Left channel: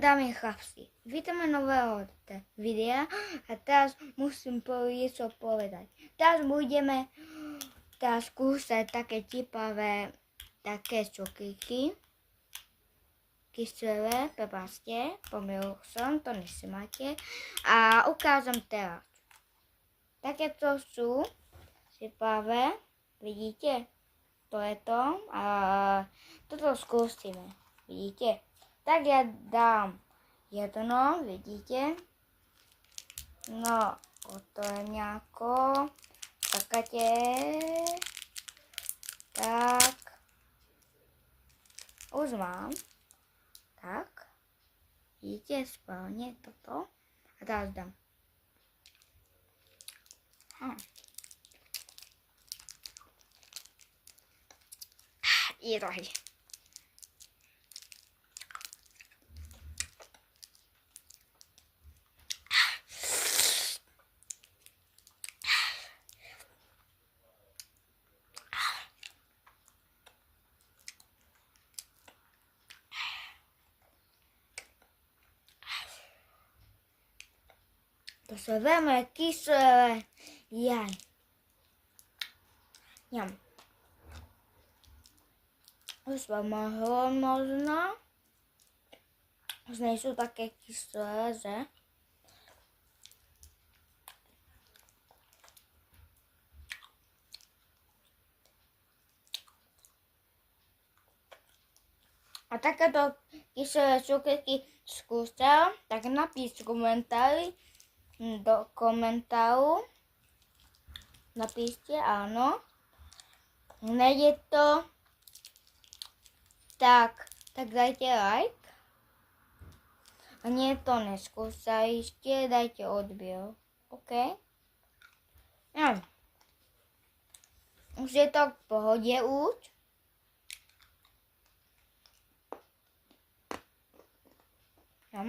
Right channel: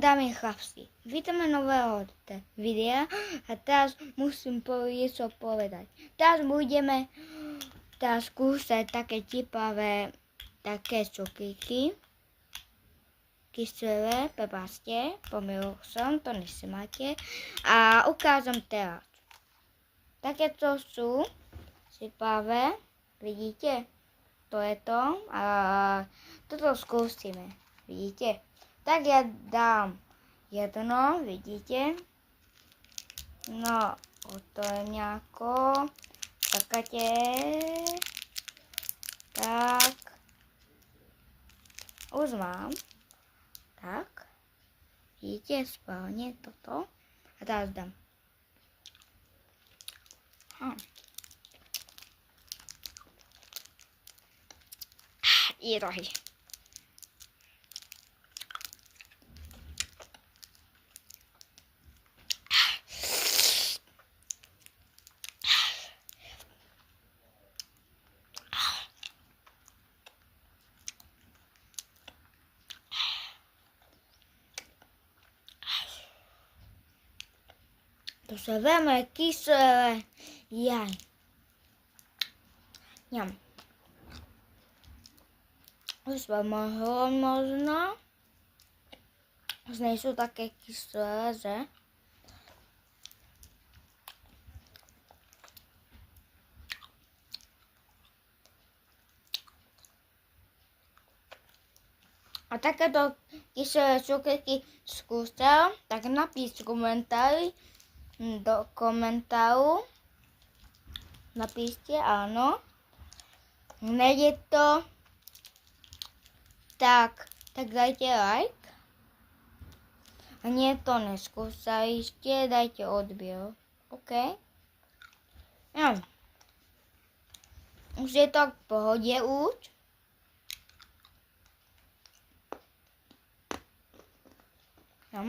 dámy chlapci, vítame nového videa a teraz musím niečo povedať. Teraz budeme skúšať také tipavé, také cukríky, kyselé, prepáčte, pomýlil som, to nemáte. A ukážem teraz. Takéto sú tipavé, vidíte? To je to a toto skúsime, vidíte? Tak ja dám jedno, vidíte? No, to je nejako, čakáte, tak, už mám, tak, vidíte, správne toto, a teraz dám. I rohy. To sú veľmi kyselé jaj. Ňam. Už vám mohlo možno. Už nie sú také kyselé, že? A takéto kyselé cukríky skúšal, tak napíšte komentári. Do komentáru napíšte áno. Nejde to, tak dajte like. A nie to neskúšajte, dajte odber. OK? Ja. Už je to v pohode už. Ja.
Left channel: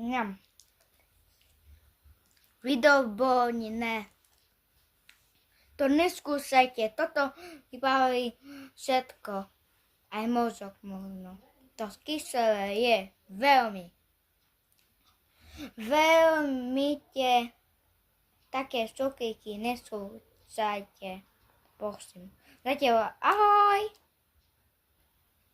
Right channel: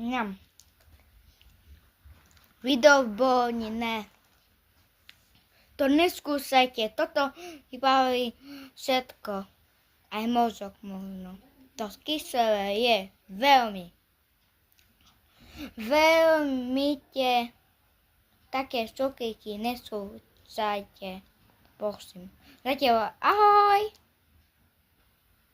Ňam. Výborné. To neskúšajte. Toto vybaví všetko. Aj mozog možno. To kyselé je veľmi také cukríky neskúšajte. Prosím. Zatiaľ ahoj.